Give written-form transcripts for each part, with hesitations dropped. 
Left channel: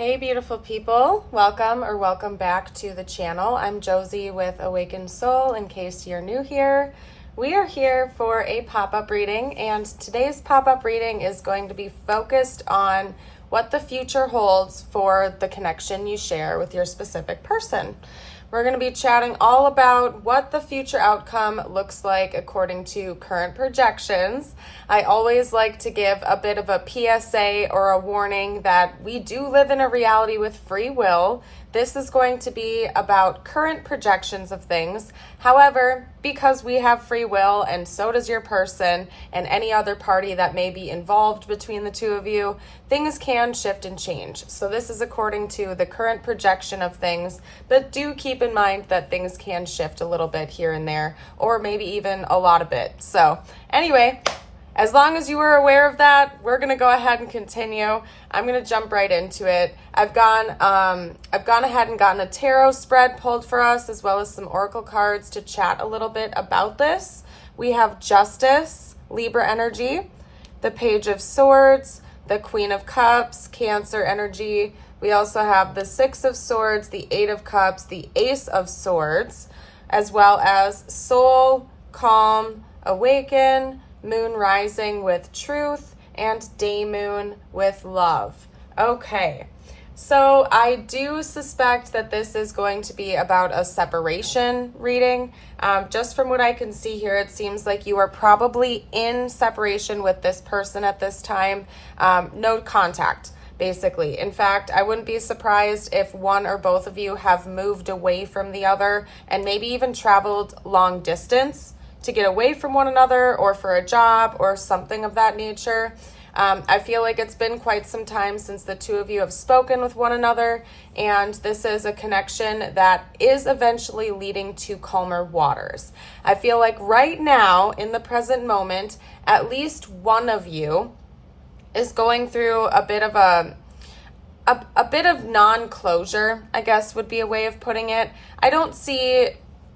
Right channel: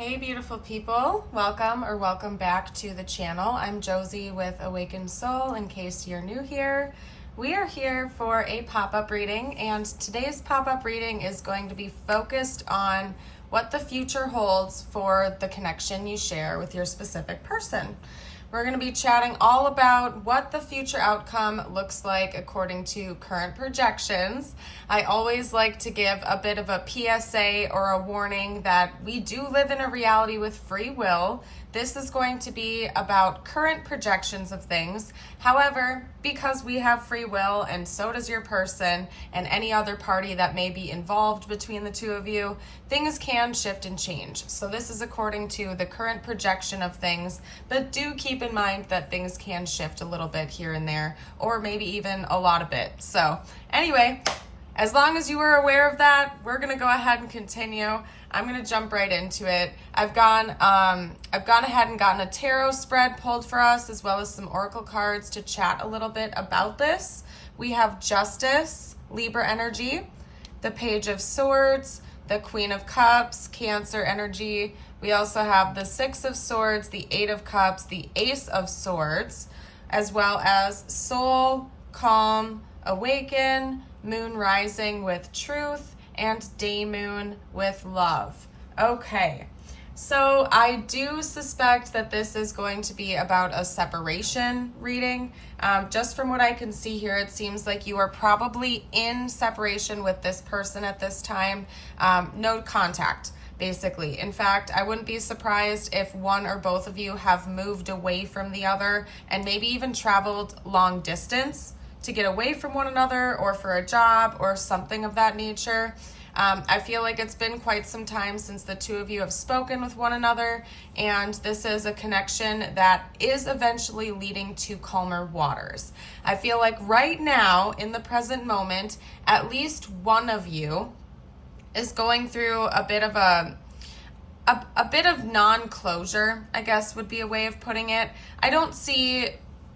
Hey beautiful people, welcome back to the channel. I'm Josie with Awakened Soul, in case you're new here. We are here for a pop-up reading, and today's pop-up reading is going to be focused on what the future holds for the connection you share with your specific person. We're going to be chatting all about what the future outcome looks like according to current projections. I always like to give a bit of a PSA or a warning that we do live in a reality with free will. This is going to be about current projections of things. However, because we have free will and so does your person and any other party that may be involved between the two of you, things can shift and change. So this is according to the current projection of things, but do keep in mind that things can shift a little bit here and there, or maybe even a lot of it. So anyway, as long as you were aware of that, we're going to go ahead and continue. I'm going to jump right into it. I've gone ahead and gotten a tarot spread pulled for us, as well as some oracle cards to chat a little bit about this. We have Justice, Libra energy, the Page of Swords, the Queen of Cups, Cancer energy. We also have the Six of Swords, the Eight of Cups, the Ace of Swords, as well as Soul, Calm, Awaken, Moon rising with truth, and day moon with love. Okay, so I do suspect that this is going to be about a separation reading. Just from what I can see here, it seems like you are probably in separation with this person at this time. No contact, basically. In fact, I wouldn't be surprised if one or both of you have moved away from the other and maybe even traveled long distance to get away from one another, or for a job or something of that nature. I feel like it's been quite some time since the two of you have spoken with one another, and this is a connection that is eventually leading to calmer waters. I feel like right now, in the present moment, at least one of you is going through a bit of a bit of non-closure, I guess would be a way of putting it. I don't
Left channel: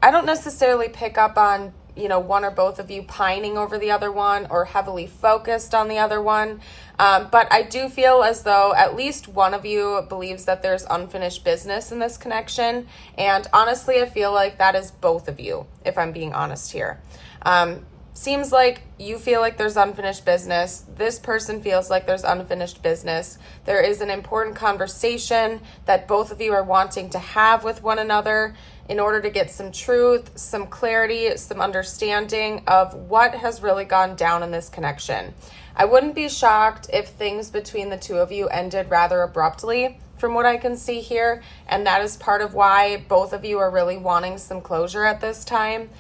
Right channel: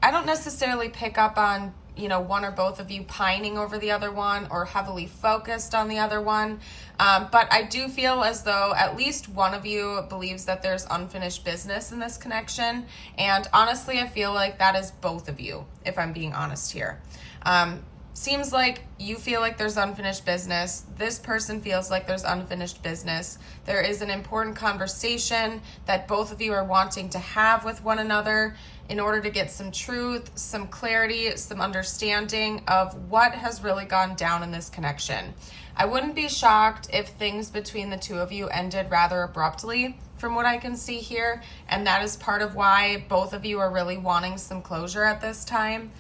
necessarily pick up on one or both of you pining over the other one or heavily focused on the other one. But I do feel as though at least one of you believes that there's unfinished business in this connection. And honestly, I feel like that is both of you, if I'm being honest here. Seems like you feel like there's unfinished business. This person feels like there's unfinished business. There is an important conversation that both of you are wanting to have with one another in order to get some truth, some clarity, some understanding of what has really gone down in this connection. I wouldn't be shocked if things between the two of you ended rather abruptly, from what I can see here, and that is part of why both of you are really wanting some closure at this time,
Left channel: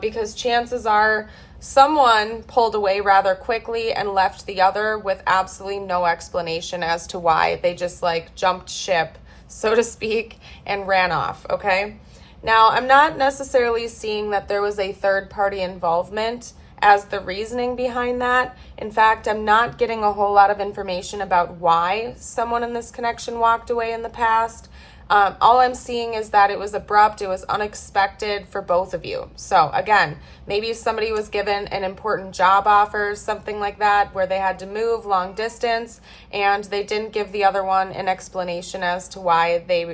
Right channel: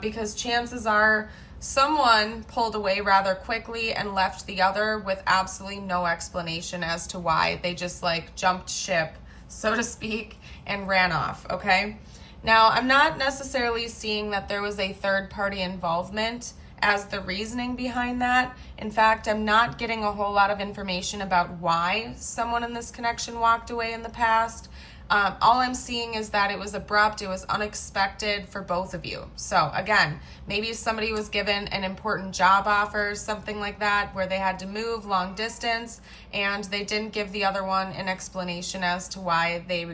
because chances are someone pulled away rather quickly and left the other with absolutely no explanation as to why. They just jumped ship, so to speak, and ran off, okay? Now, I'm not necessarily seeing that there was a third-party involvement as the reasoning behind that. In fact, I'm not getting a whole lot of information about why someone in this connection walked away in the past. All I'm seeing is that it was abrupt, it was unexpected for both of you. So again, maybe somebody was given an important job offer, something like that, where they had to move long distance, and they didn't give the other one an explanation as to why they,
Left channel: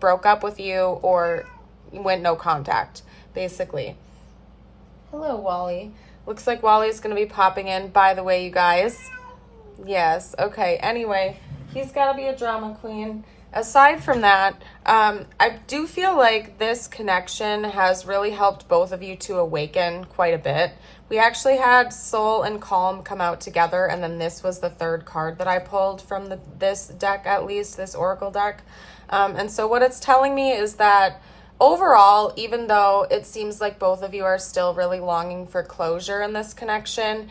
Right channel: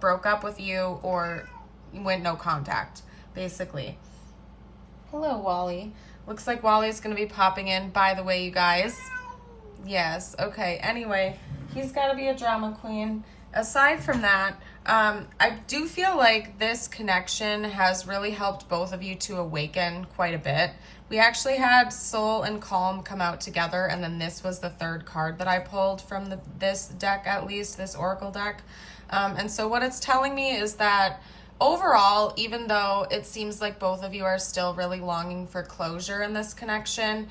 broke up with you or went no contact, basically. Hello, Wally. Looks like Wally's going to be popping in, by the way, you guys. Yes, okay. Anyway, he's got to be a drama queen. Aside from that, I do feel like this connection has really helped both of you to awaken quite a bit. We actually had Soul and Calm come out together, and then this was the third card that I pulled from this deck, at least, this oracle deck. And so what it's telling me is that overall, even though it seems like both of you are still really longing for closure in this connection,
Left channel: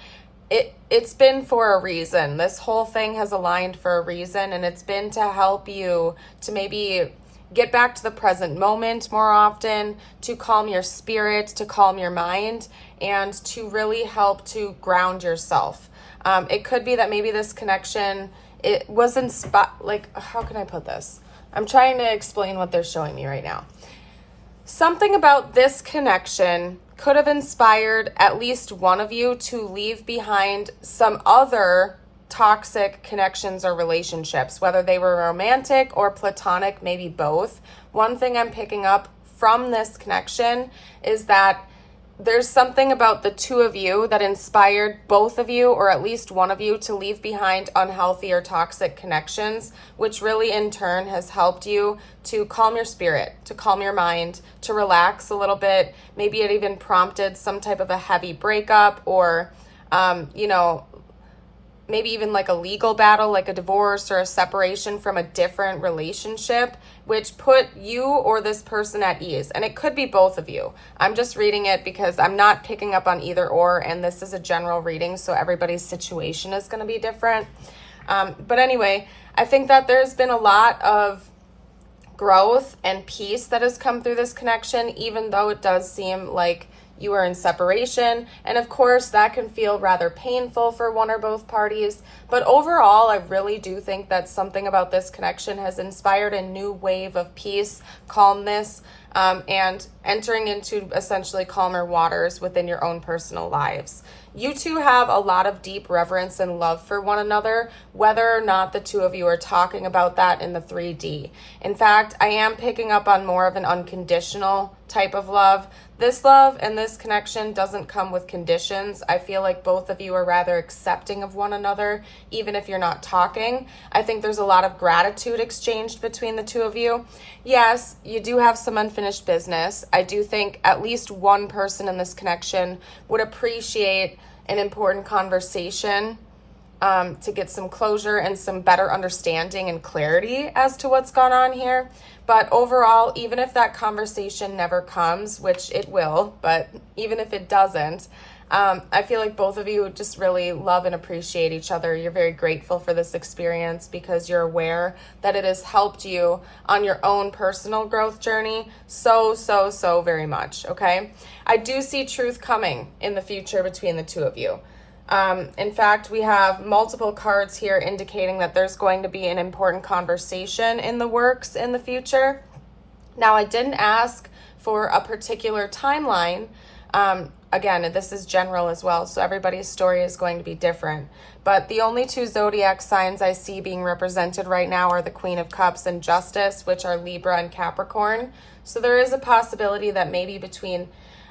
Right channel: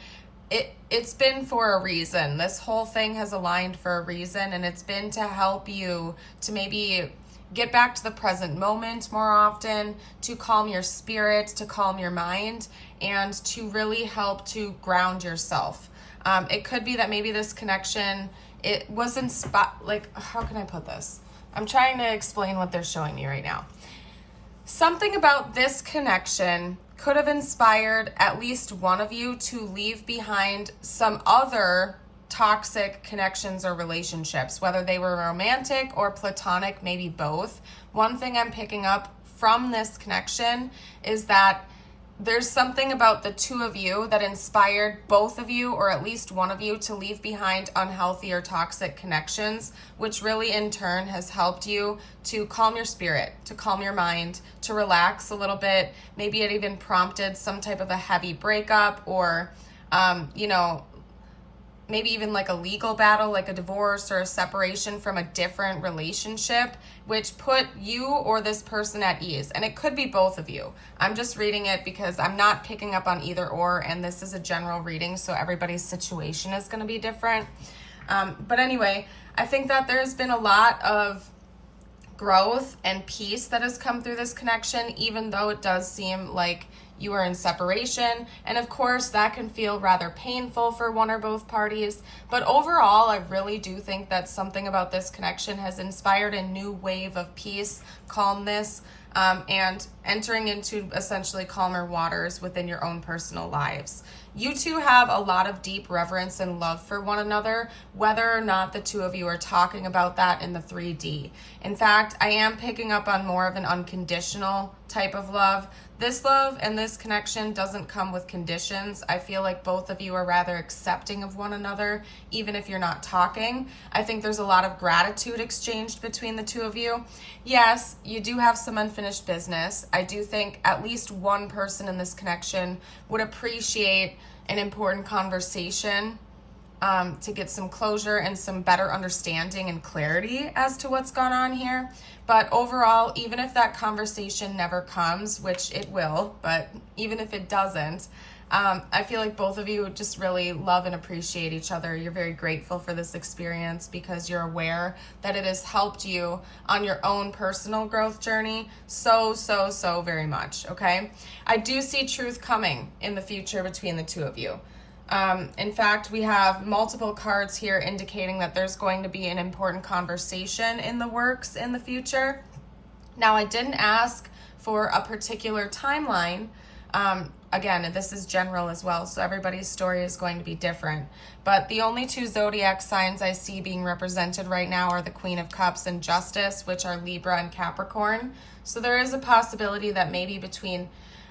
it's been for a reason. This whole thing has aligned for a reason, and it's been to help you to maybe get back to the present moment more often, to calm your spirit, to calm your mind, and to really help to ground yourself. It could be that maybe this connection, it was how can I put this? I'm trying to explain what they're showing me right now. Something about this connection could have inspired at least one of you to leave behind some other toxic connections or relationships, whether they were romantic or platonic, maybe both. One thing I'm picking up from this connection is that there's something about the two of you that inspired both of you, or at least one of you, to leave behind unhealthy or toxic connections, which really in turn has helped you to calm your spirit, to calm your mind, to relax a little bit. Maybe it even prompted some type of a heavy breakup, or, maybe even like a legal battle, like a divorce or a separation from a different relationship, which put you or this person at ease. And it could be both of you. I'm just reading it because I'm not picking up on either or, and this is a general reading, so everybody's situation is going to be different. But anyway, I think that there's been a lot of growth and peace that has come through this connection, even though it does seem like you are in separation. And of course, that can feel rather painful for one or both parties. But overall, I really do think that something about this connection has inspired a new wave of peace, calmness, and entering into essentially calmer waters within your own personal lives. You two have a lot of deep reverence and love for one another, whether or not the two of you are talking about that in the 3D. In fact, I am picking up on more of an unconditional type of love. This love and this connection doesn't come with conditions. I feel like both of you are rather accepting of one another, even if you're not talking. I think there's a lot of gratitude exchanged between the two of you. Yes, you do have some unfinished business. I do think at least one person in this connection would appreciate an important conversation to get some closure and some better understanding and clarity as to what's gone on here. But overall, even if that conversation never comes, which it will, but even if it doesn't, I feel like both of you just really love and appreciate each other. You're very grateful for this experience because you're aware that it has helped you on your own personal growth journey so very much, okay? I do see truth coming in the future between the two of you. In fact, we have multiple cards here indicating that there's going to be an important conversation in the works in the future. Now, I didn't ask for a particular timeline. Again, this is general as well, so everybody's story is going to be different. But the only two zodiac signs I see being represented right now are the Queen of Cups and Justice, which are Libra and Capricorn. So there is a possibility that maybe between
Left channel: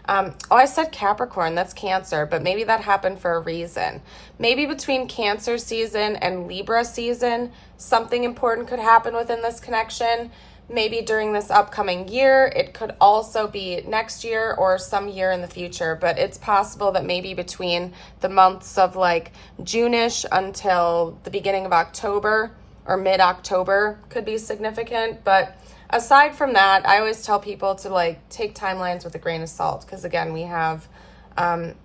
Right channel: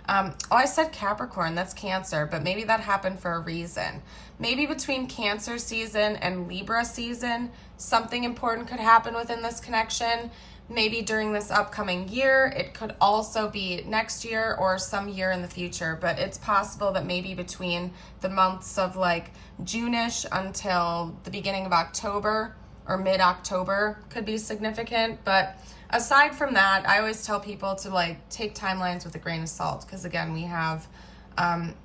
I said Capricorn, that's Cancer, but maybe that happened for a reason. Maybe between Cancer season and Libra season, something important could happen within this connection. Maybe during this upcoming year. It could also be next year or some year in the future, but it's possible that maybe between the months of like June-ish until the beginning of October or mid-October could be significant. But aside from that, I always tell people to like take timelines with a grain of salt because again, we have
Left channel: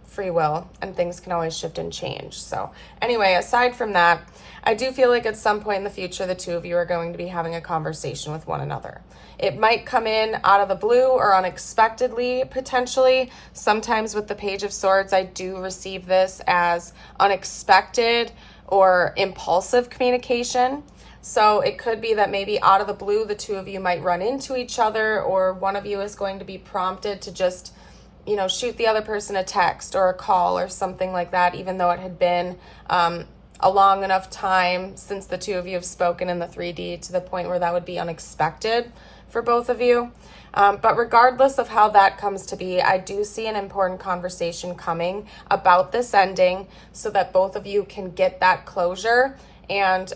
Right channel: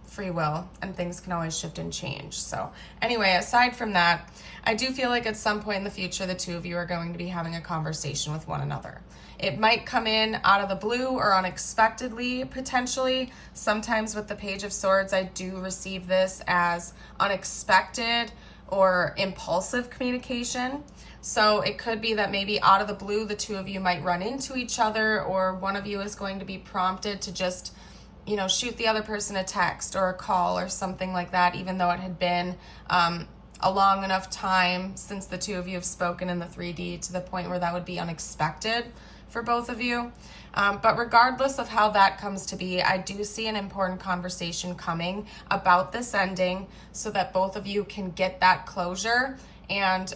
free will and things can always shift and change. So anyway, aside from that, I do feel like at some point in the future, the two of you are going to be having a conversation with one another. It might come in out of the blue or unexpectedly, potentially. Sometimes with the Page of Swords, I do receive this as unexpected or impulsive communication. So it could be that maybe out of the blue, the two of you might run into each other, or one of you is going to be prompted to just, shoot the other person a text or a call or something like that, even though it had been a long enough time since the two of you have spoken in the 3D to the point where that would be unexpected for both of you. But regardless of how that comes to be, I do see an important conversation coming about this ending so that both of you can get that closure and,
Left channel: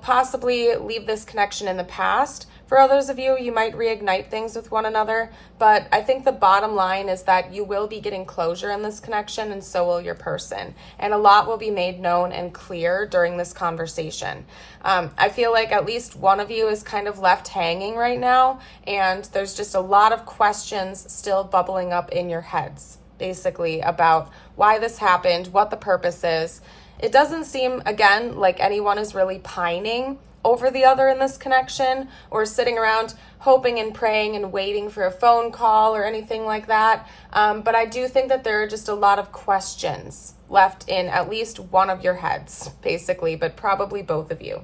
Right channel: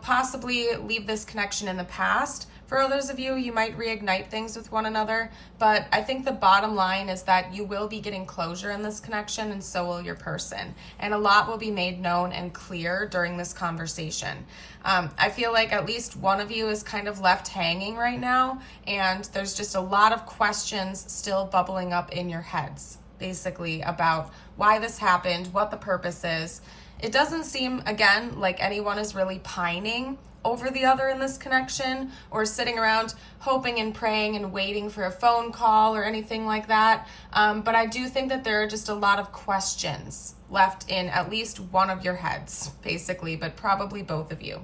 possibly leave this connection in the past. For others of you, you might reignite things with one another, but I think the bottom line is that you will be getting closure in this connection, and so will your person. And a lot will be made known and clear during this conversation. I feel like at least one of you is kind of left hanging right now, and there's just a lot of questions still bubbling up in your heads, basically, about why this happened, what the purpose is. It doesn't seem, again, like anyone is really pining over the other in this connection or sitting around hoping and praying and waiting for a phone call or anything like that. But I do think that there are just a lot of questions left in at least one of your heads, basically, but probably both of you.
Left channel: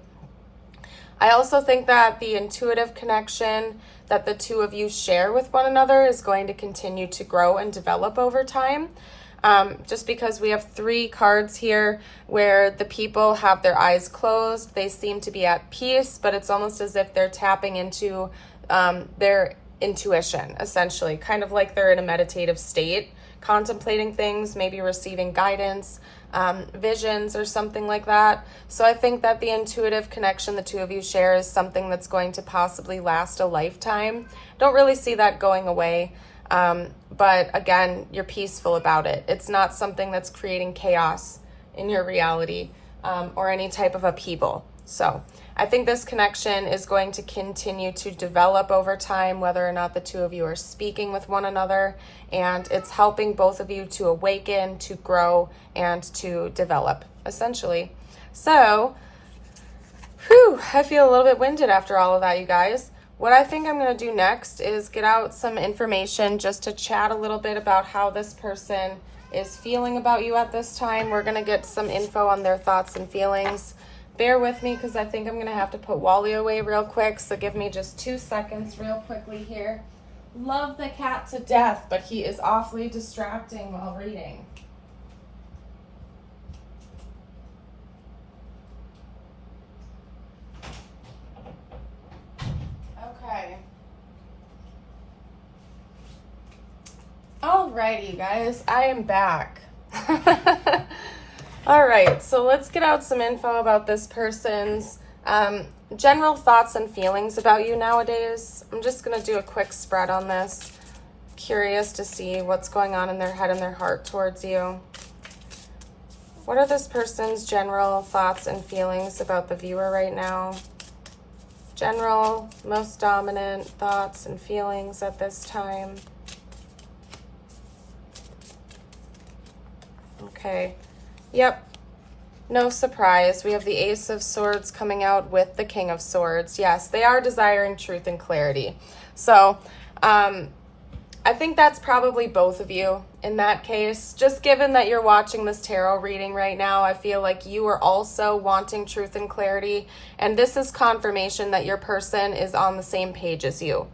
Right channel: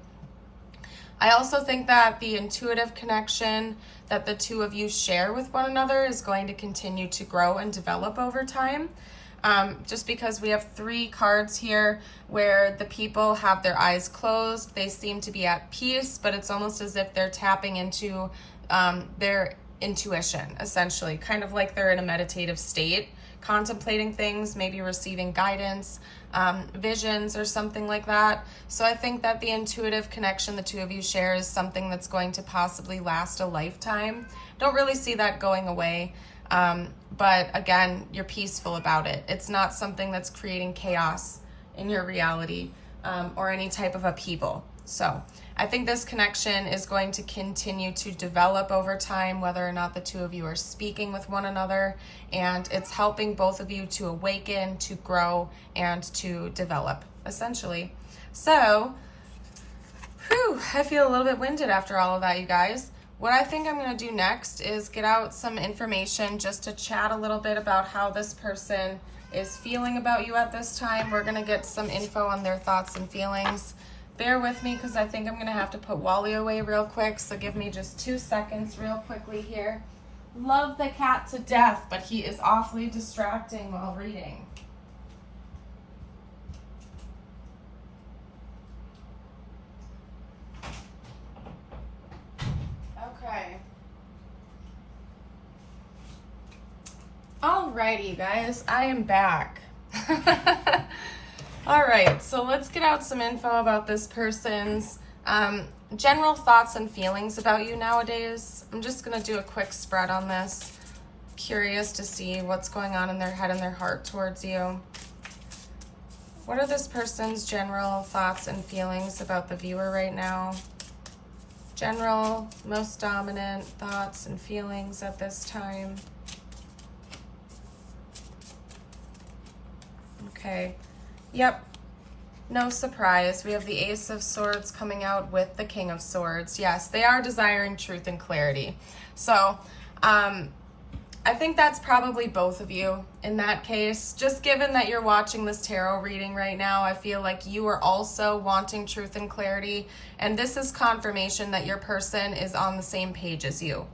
I also think that the intuitive connection that the two of you share with one another is going to continue to grow and develop over time. just because we have 3 cards here where the people have their eyes closed. They seem to be at peace, but it's almost as if they're tapping into their intuition, essentially, kind of like they're in a meditative state, contemplating things, maybe receiving guidance, visions or something like that. So I think that the intuitive connection the 2 of you share is something that's going to possibly last a lifetime. Don't really see that going away. But again, you're peaceful about it. It's not something that's creating chaos in your reality, or any type of upheaval. So I think this connection is going to continue to develop over time, whether or not the 2 of you are speaking with one another, and it's helping both of you to awaken, to grow, and to develop, essentially. So, I feel a little bit winded after all of that, you guys. What I think I'm going to do next is get out some information just to chat a little bit about how this person is feeling about you at this time. We're going to get some info on their thoughts and feelings. Bear with me because I think I'm going to have to put Wally away real quick, so give me just 2 seconds real quickly here. Love the cat to death, but he is awfully distracting while reading. Okay. Alrighty, you guys, I am back. All right, so let's get out some info about this person's general thoughts and feelings about you nowadays. I'm just going to do a quick spread on this. Curious to see what's going on in their head and their heart towards you. What are this person's general thoughts and feelings about the viewer right now? General, most dominant thoughts and feelings at this time. Okay. Yep. No surprise. We have the Ace of Swords coming out with the King of Swords. Yes, they are desiring truth and clarity. So, I think that's probably both of you in that case. Just given that you're watching this tarot reading right now, I feel like you are also wanting truth and clarity. And this is confirmation that your person is on the same page as you.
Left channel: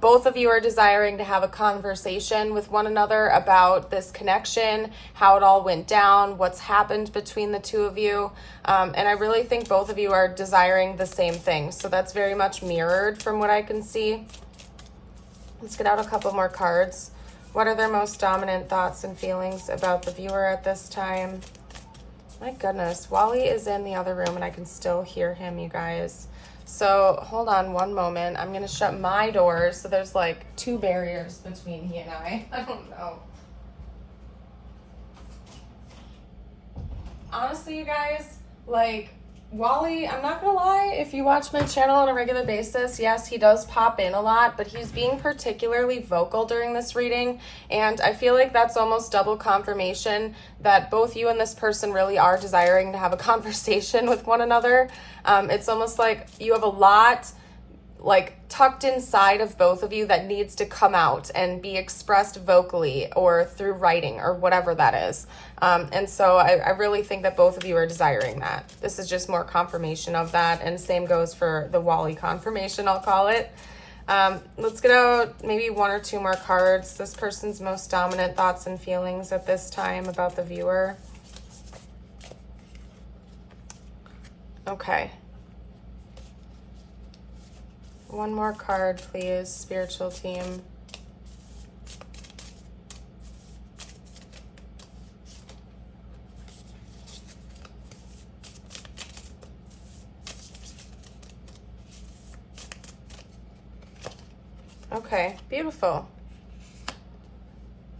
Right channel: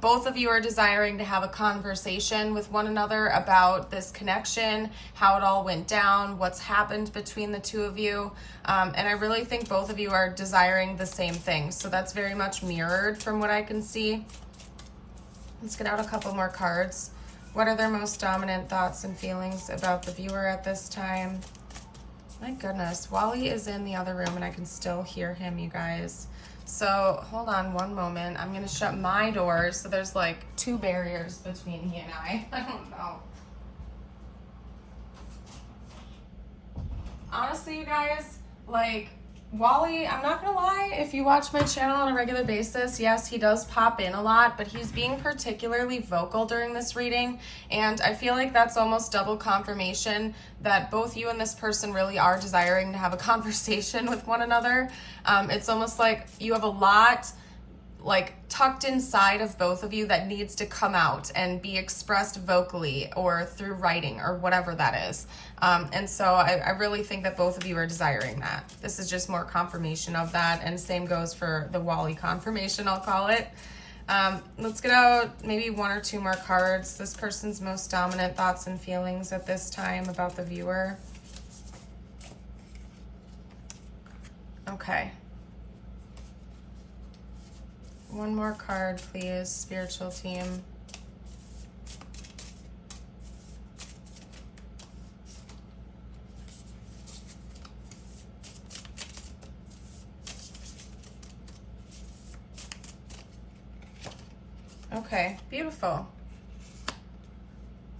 Both of you are desiring to have a conversation with one another about this connection, how it all went down, what's happened between the 2 of you. And I really think both of you are desiring the same thing. So that's very much mirrored from what I can see. Let's get out a couple more cards. What are their most dominant thoughts and feelings about the viewer at this time? My goodness, Wally is in the other room and I can still hear him, you guys. So hold on one moment. I'm going to shut my doors. So there's like 2 barriers between he and I. I don't know. Honestly, you guys, like, Wally, I'm not gonna lie, if you watch my channel on a regular basis, yes, he does pop in a lot, but he's being particularly vocal during this reading, and I feel like that's almost double confirmation that both you and this person really are desiring to have a conversation with one another. It's almost like you have a lot like tucked inside of both of you that needs to come out and be expressed vocally or through writing or whatever that is. And so I really think that both of you are desiring that. This is just more confirmation of that, and same goes for the Wally confirmation, I'll call it. Let's get out maybe 1 or 2 more cards. This person's most dominant thoughts and feelings at this time about the viewer. Okay. 1 more card, please, spiritual team. Okay, beautiful.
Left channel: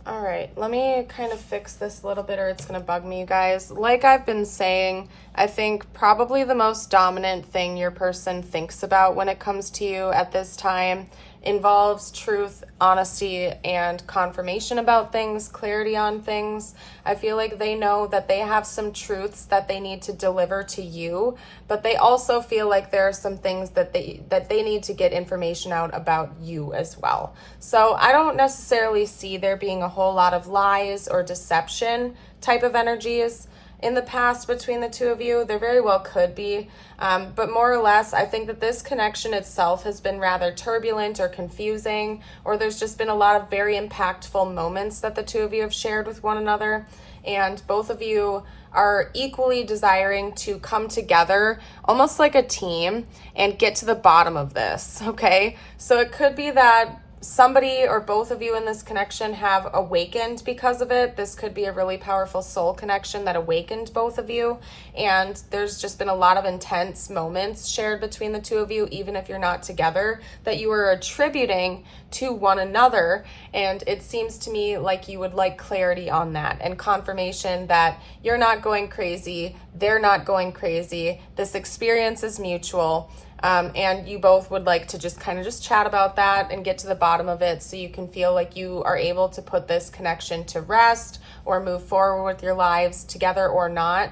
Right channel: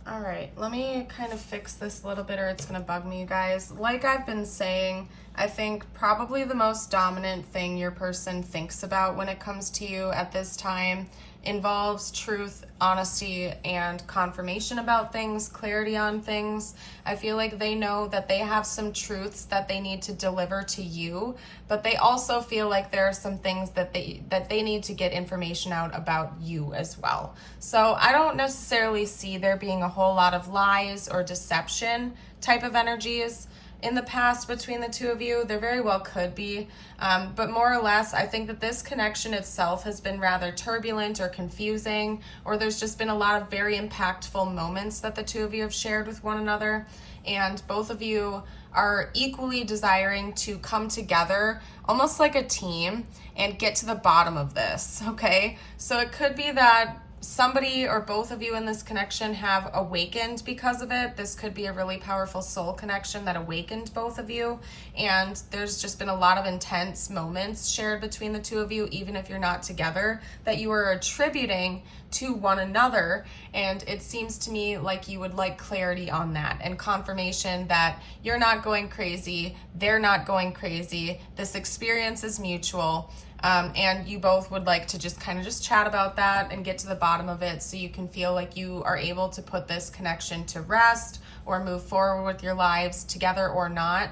All right, let me kind of fix this a little bit or it's gonna bug me, you guys. Like I've been saying, I think probably the most dominant thing your person thinks about when it comes to you at this time involves truth, honesty, and confirmation about things, clarity on things. I feel like they know that they have some truths that they need to deliver to you, but they also feel like there are some things that they need to get information out about you as well. So I don't necessarily see there being a whole lot of lies or deception type of energies. in the past between the two of you. There very well could be, but more or less, I think that this connection itself has been rather turbulent or confusing, or there's just been a lot of very impactful moments that the two of you have shared with one another, and both of you are equally desiring to come together almost like a team and get to the bottom of this, okay? So it could be that somebody or both of you in this connection have awakened because of it. This could be a really powerful soul connection that awakened both of you, and there's just been a lot of intense moments shared between the two of you, even if you're not together, that you are attributing to one another. And it seems to me like you would like clarity on that and confirmation that you're not going crazy, they're not going crazy, this experience is mutual. And you both would like to just kind of just chat about that and get to the bottom of it, so you can feel like you are able to put this connection to rest or move forward with your lives together or not,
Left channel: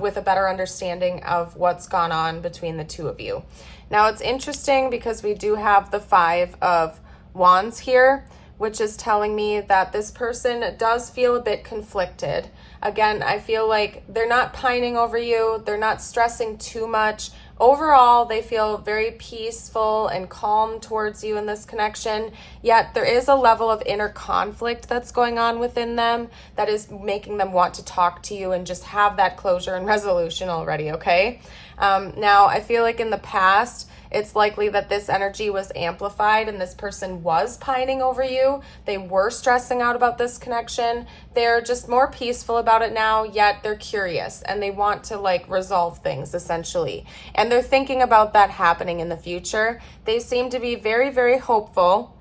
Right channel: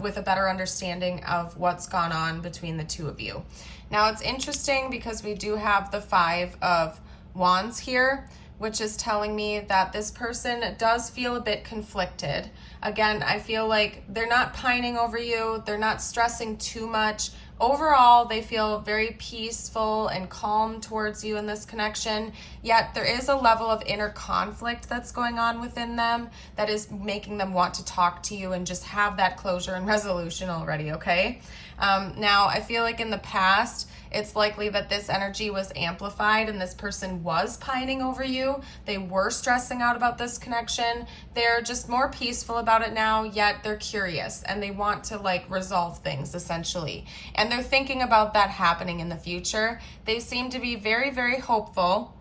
with a better understanding of what's gone on between the two of you. Now it's interesting because we do have the 5 of Wands here, which is telling me that this person does feel a bit conflicted. Again, I feel like they're not pining over you, they're not stressing too much. Overall, they feel very peaceful and calm towards you in this connection, yet there is a level of inner conflict that's going on within them that is making them want to talk to you and just have that closure and resolution already, okay? Now, I feel like in the past, it's likely that this energy was amplified and this person was pining over you. They were stressing out about this connection. They're just more peaceful about it now, yet they're curious and they want to resolve things essentially. And they're thinking about that happening in the future. They seem to be very, very hopeful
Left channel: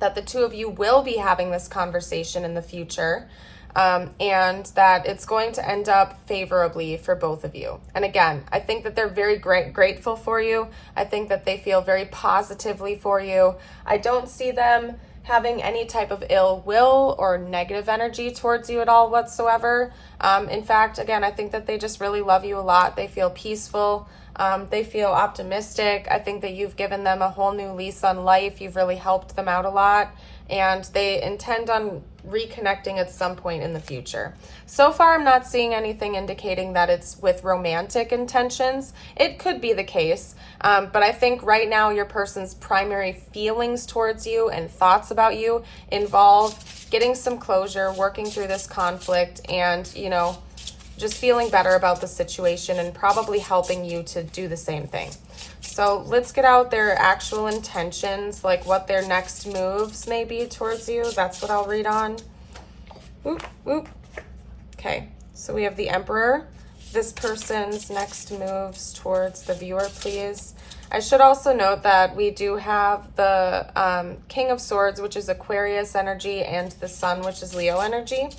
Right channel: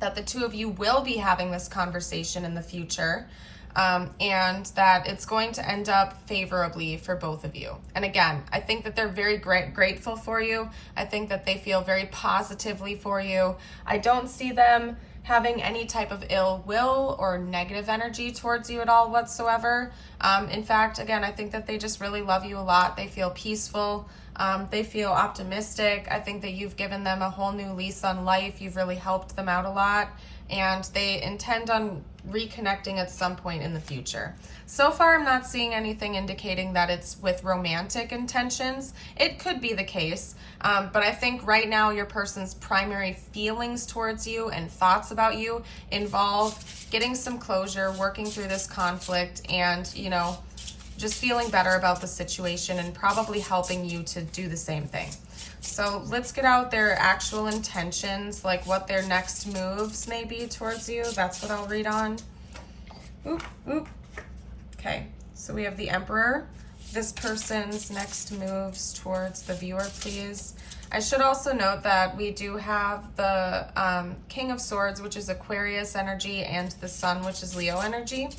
that the two of you will be having this conversation in the future. And that it's going to end up favorably for both of you. And again, I think that they're very grateful for you. I think that they feel very positively for you. I don't see them having any type of ill will or negative energy towards you at all whatsoever. In fact, again, I think that they just really love you a lot. They feel peaceful. They feel optimistic. I think that you've given them a whole new lease on life. You've really helped them out a lot. And they intend on reconnecting at some point in the future. So far, I'm not seeing anything indicating that it's with romantic intentions. It could be the case, but I think right now your person's primary feelings towards you and thoughts about you involve getting some closure, working through this conflict, and, just feeling better about the situation and probably helping you to do the same thing. So let's get out their actual intentions, like what their next moves may be towards you. That's what I'll read on. Oop, oop. Okay, so we have the Emperor. This person's next moves towards the viewer, please. I should also note that we do have the King of Swords, which is Aquarius energy, and the Sun, which is Leo energy.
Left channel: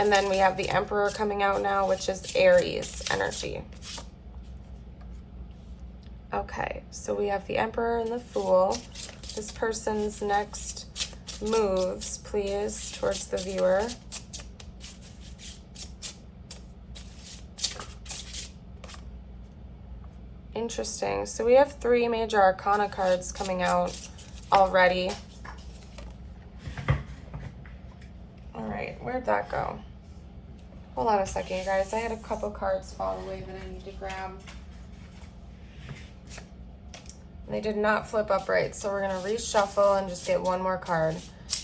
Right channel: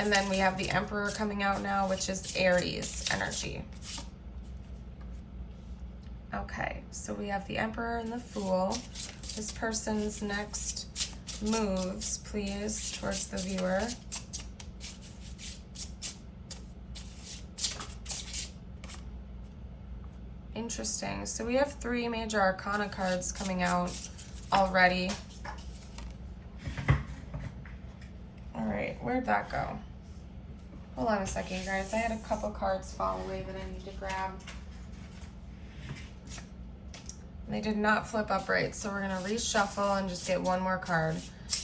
And then we have the Emperor coming out now, which is Aries energy. Okay, so we have the Emperor and the Fool. This person's next moves, please, towards the viewer. Interesting. So we have 3 major arcana cards coming out already. All right, where'd that go? Hold on a second, you guys. I had a couple cards fall away that I need to grab. They did not flip up right, so we're going to reshuffle and just get one more card.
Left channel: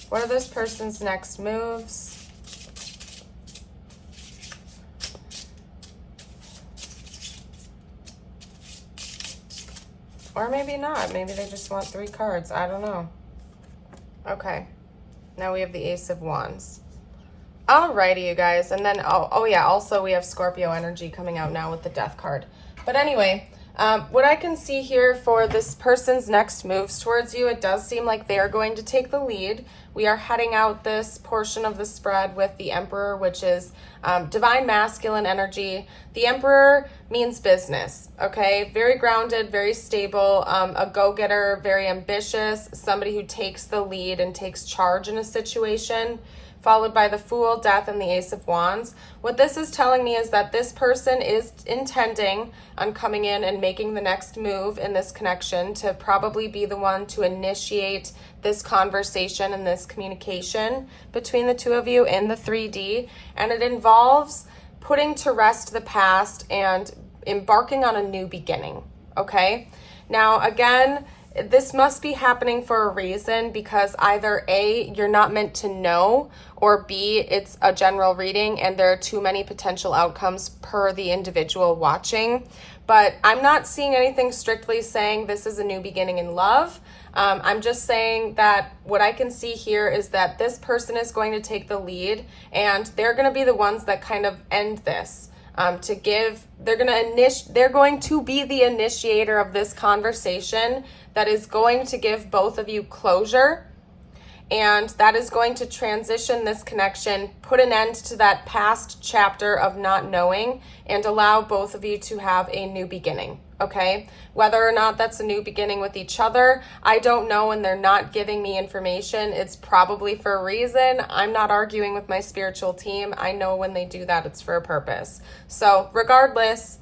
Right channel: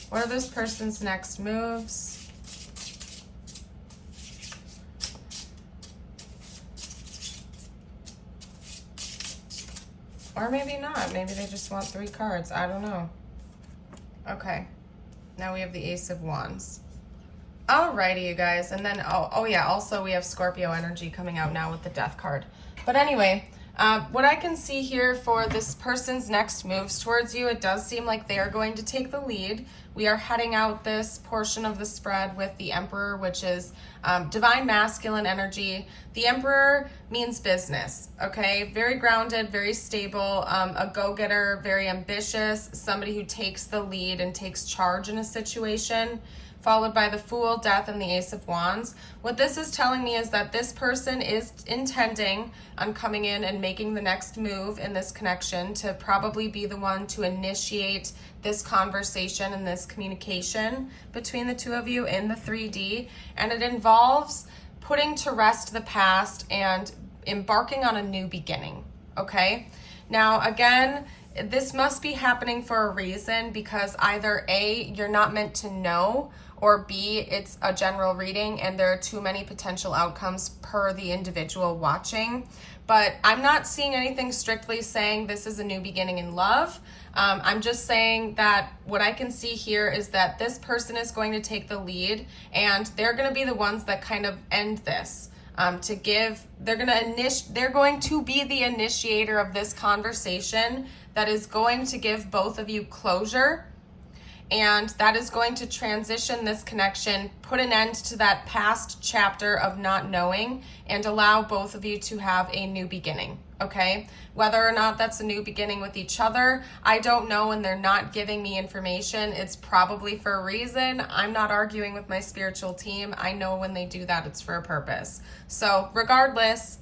What are this person's next moves? Or maybe not. Maybe they just want 3 cards. I don't know. Okay. Now we have the Ace of Wands. Alrighty, you guys. And then, oh yeah, also we have Scorpio energy coming out now with the Death card. But anyway, what I can see here for this person's next moves towards you, it does seem like they are going to take the lead. We are heading out this portion of the spread with the Emperor, which is divine masculine energy. The Emperor means business, okay? Very grounded, very stable, a go-getter, very ambitious, somebody who takes the lead and takes charge in a situation, followed by the Fool, Death, and the Ace of Wands. What this is telling me is that this person is intending on coming in and making the next move in this connection to probably be the one to initiate this conversation and this communication between the two of you in the 3D, and it involves putting to rest the past and embarking on a new beginning, okay? Now, again, this must be happening for a reason, because either A, you're not meant to know, or B, it's a general reading and there are too many potential outcomes per the individual watching. But I'm not seeing anything strictly saying this is a new beginning in love. I'm just saying that what I can see here is that this person is going to take the lead, and they're going to be the ones that kind of end this. They're going to be the initiator of this conversation that is going to give both of you closure, and that is going to transition this connection, put an end to that past chapter of not knowing, and allow both of you to have a new beginning, okay? Whether or not that's a new beginning with each other, I don't know, and they're not giving me information. It's probably for a reason. I'm not arguing with my spiritual team. I know when they do that, it's for a purpose. So regardless,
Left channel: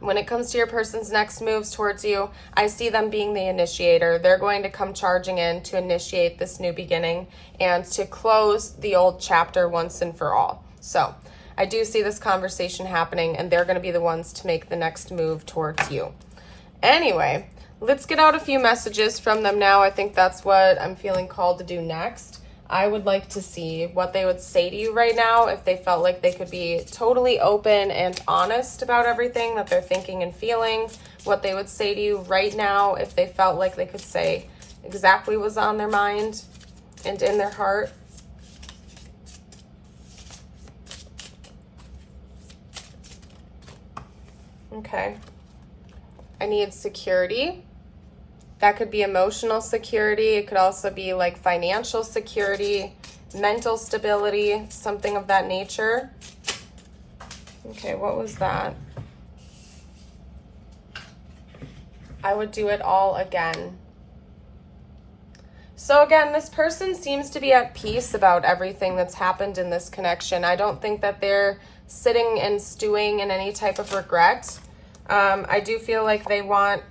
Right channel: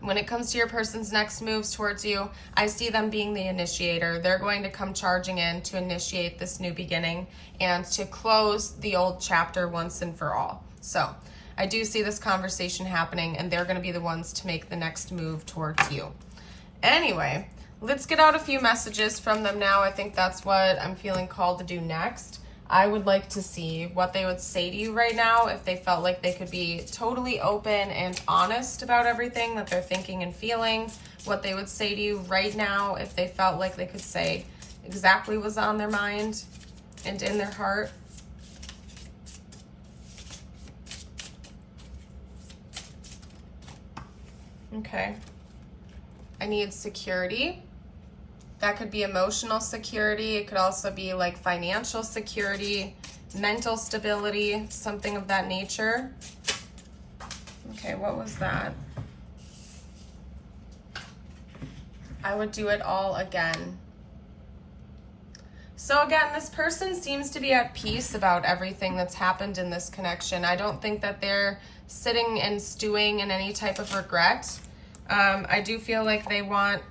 when it comes to your person's next moves towards you, I see them being the initiator. They're going to come charging in to initiate this new beginning and to close the old chapter once and for all. So I do see this conversation happening, and they're going to be the ones to make the next move towards you. Anyway, let's get out a few messages from them now. I think that's what I'm feeling called to do next. I would like to see what they would say to you right now if they felt like they could be totally open and honest about everything that they're thinking and feeling. What they would say to you right now if they felt like they could say exactly what's on their mind and in their heart. Okay. I need security. That could be emotional security. It could also be like financial security, mental stability, something of that nature. Okay, what was that? I would do it all again. So again, this person seems to be at peace about everything that's happened in this connection. I don't think that they're sitting and stewing in any type of regret. I do feel like they want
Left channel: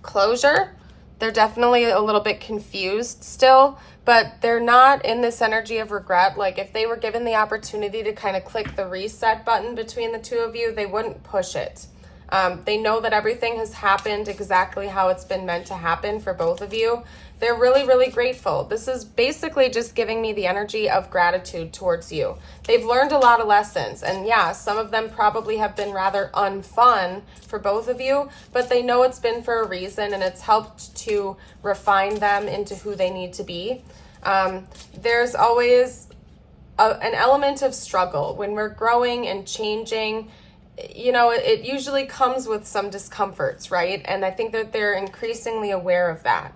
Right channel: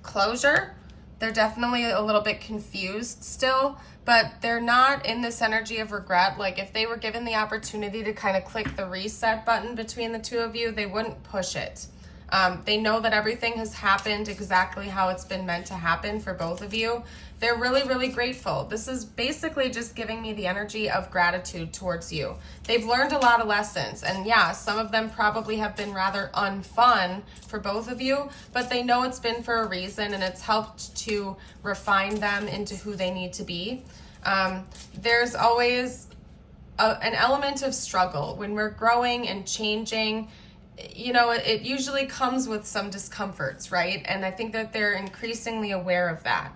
closure. They're definitely a little bit confused still, but they're not in this energy of regret. Like if they were given the opportunity to kind of click the reset button between the two of you, they wouldn't push it. They know that everything has happened exactly how it's been meant to happen for both of you. They're really, really grateful. This is basically just giving me the energy of gratitude towards you. They've learned a lot of lessons, and yeah, some of them probably have been rather unfun for both of you, but they know it's been for a reason, and it's helped to refine them into who they need to be. There's always an element of struggle when we're growing and changing. You know, it usually comes with some discomforts, right? And I think that they're increasingly aware of that.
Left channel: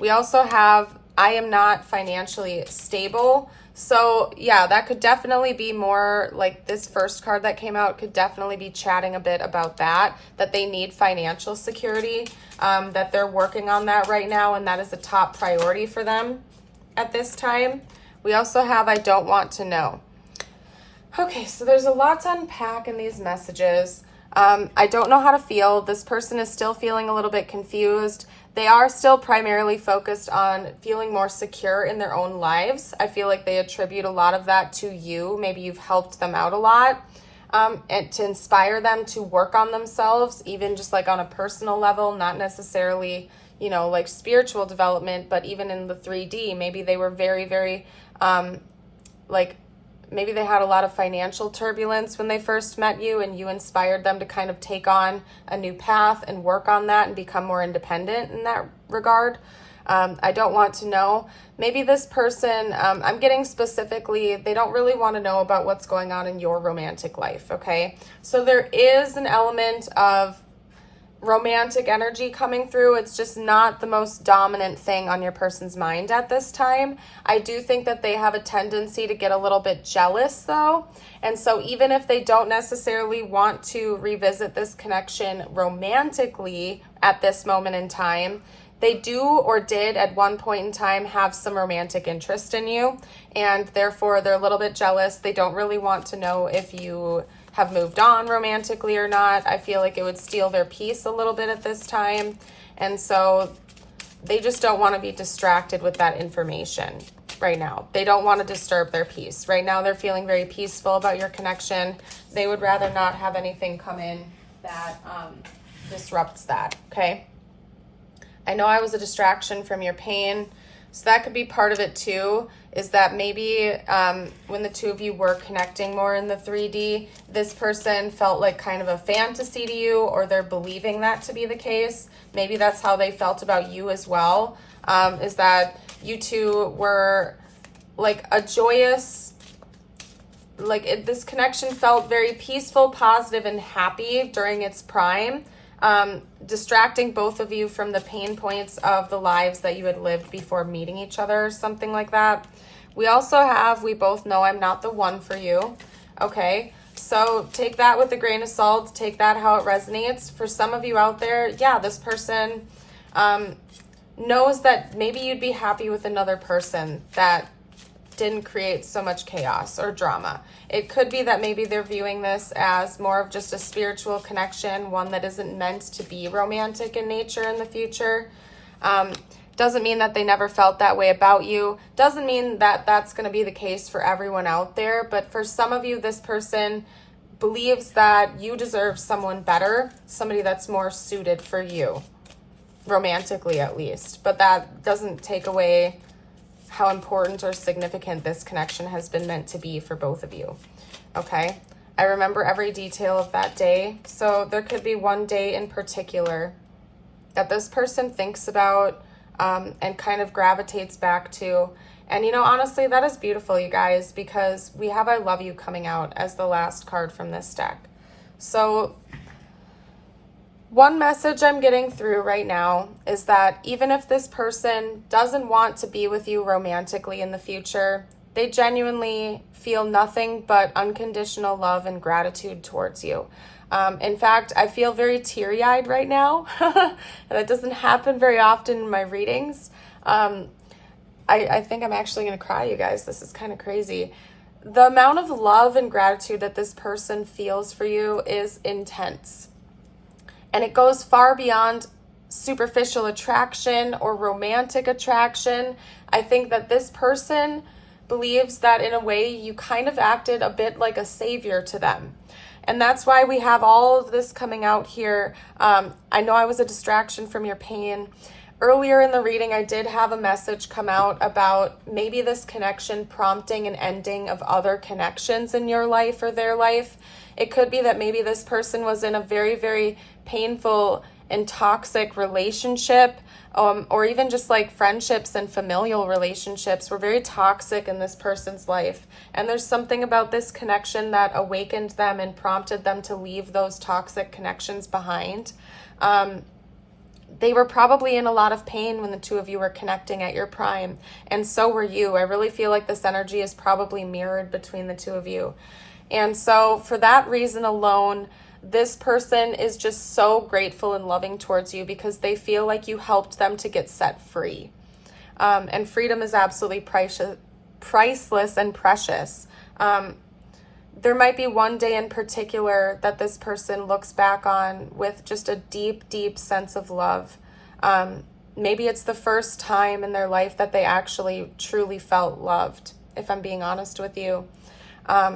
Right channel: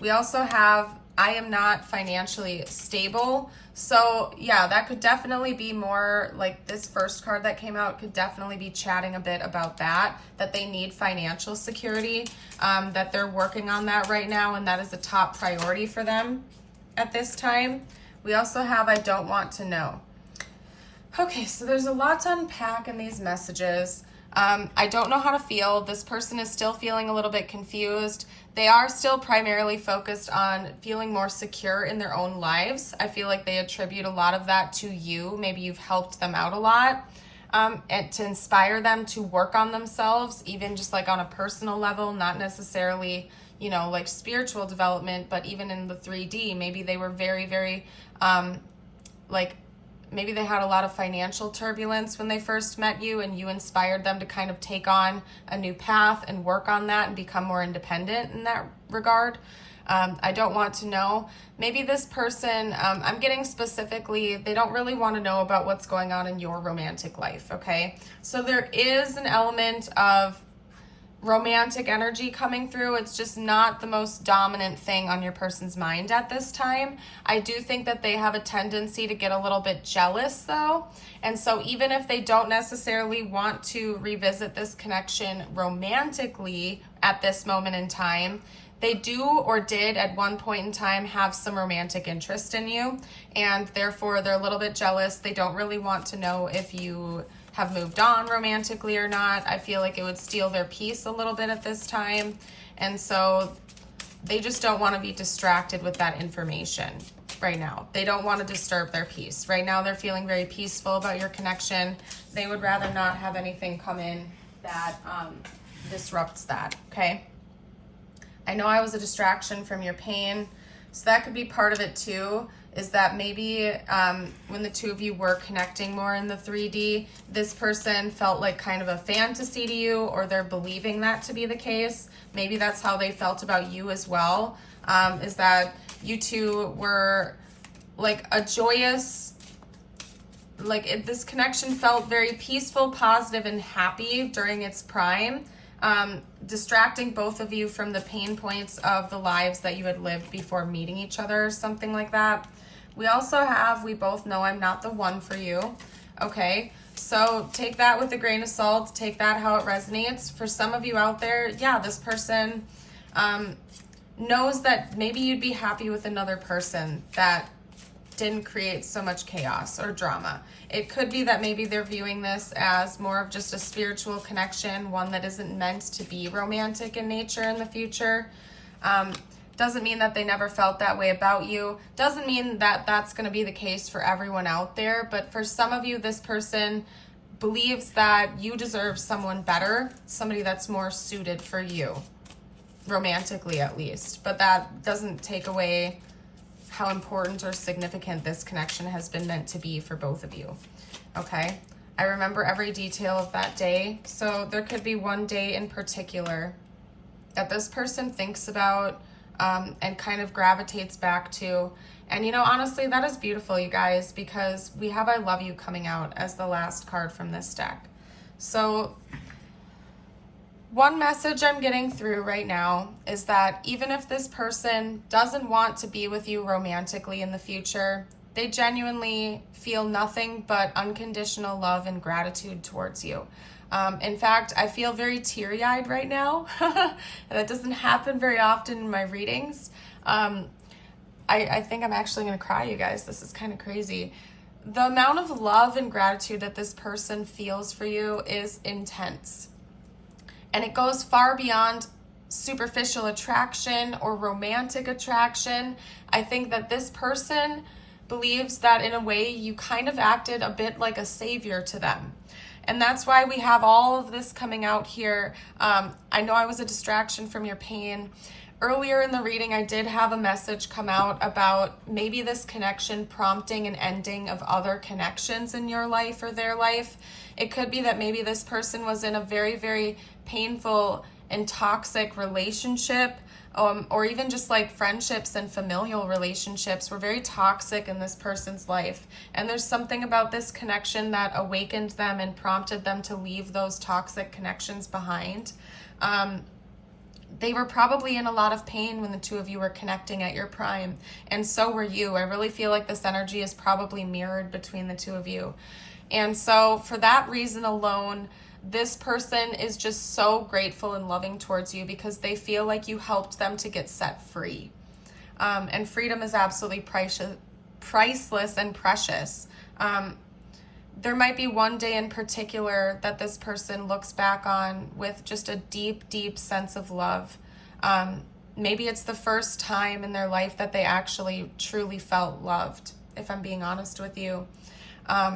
We also have, I am not financially stable. So yeah, that could definitely be more like this first card that came out could definitely be chatting a bit about that they need financial security, that they're working on that right now, and that is a top priority for them at this time. We also have, I don't want to know. Okay, so there's a lot to unpack in these messages. I don't know how to feel. This person is still feeling a little bit confused. They are still primarily focused on feeling more secure in their own lives. I feel like they attribute a lot of that to you. Maybe you've helped them out a lot, and to inspire them to work on themselves, even just like on a personal level, not necessarily, you know, like spiritual development, but even in the 3D, maybe they were very, very, maybe they had a lot of financial turbulence when they first met you, and you inspired them to kind of take on a new path and work on that and become more independent in that regard. I don't want to know. Maybe this person, I'm getting specifically, they don't really want to know about what's going on in your romantic life, okay? So there is an element of romantic energy coming through. It's just not the most dominant thing on your person's mind at this time. I do think that they have a tendency to get a little bit jealous though. And so even if they don't necessarily want to revisit this connection romantically at this moment in time, they do or did at one point in time have some romantic interest in you, and therefore they're a little bit jealous. They don't really want to know if you have moved on romantically or not. I feel like it would steal their peace a little bit at this time. And so they just don't want to be distracted with that information right now. They don't want to disturb their peace. Right now they're feeling very peaceful about your connection. They would rather not have anything come in that disrupts that, okay? I know I was a distraction from your pain, so that could be part of it too, is that maybe when the two of you were connecting more in the 3D, this person felt like kind of a fantasy to you, or they're believing that to be the case. Maybe that's how they felt about you as well, is that you two were like a joyous, this connection felt very peaceful, positive, and happy during its prime, distracting both of you from the pain points of the lives that you had lived before meeting each other, or something like that. We also have, we both know I'm not the one for you, okay? So take that with a grain of salt, take that how it resonates. For some of you out there, yeah, this person knows that maybe you'd be happy with another person that didn't create so much chaos or drama. It could be that maybe they're viewing this as more of just a spiritual connection, one that isn't meant to be romantic in nature in the future. Doesn't mean that they never felt that way about you. Doesn't mean that that's going to be the case for everyone out there. But for some of you, this person believes that you deserve someone better, somebody that's more suited for you, romantically at least. But that doesn't take away how important or significant this connection has been meant to be for both of you, okay? I remember every detail of that day. So there could be one day in particular that this person thinks about and kind of gravitates back to. And, you know, honestly, that is beautiful, you guys, because we have I love you coming out as the last card from this deck. So one message I'm getting through right now is that even if this person doesn't want to be with you romantically in the future, they genuinely feel nothing but unconditional love and gratitude towards you. In fact, I feel very teary-eyed right now. That doesn't happen very often in my readings. I think I'm actually going to cry, you guys. This is kind of crazy. The amount of love and gratitude that this person feels for you is intense. And it goes far beyond superficial attraction or romantic attraction. I think that this person believes that in a way you kind of acted a bit like a savior to them. And that's why we have all of this coming out here. I know I was a distraction from your pain. Earlier in the reading, I did have a message come out about maybe this connection prompting an ending of other connections in your life or their life. It could be that maybe this person was in a very, very painful and toxic relationship, or even just like friendships and familial relationships were very toxic in this person's life. And there's something about this connection that awakened them and prompted them to leave those toxic connections behind. They were probably in a lot of pain when the two of you were connecting at your prime, and so were you. I really feel like this energy is probably mirrored between the two of you. And so for that reason alone, this person is just so grateful and loving towards you because they feel like you helped them to get set free. And freedom is absolutely priceless and precious. There might be one day in particular that this person looks back on with just a deep, deep sense of love. Maybe it's the first time in their life that they actually truly felt loved, if I'm being honest with you.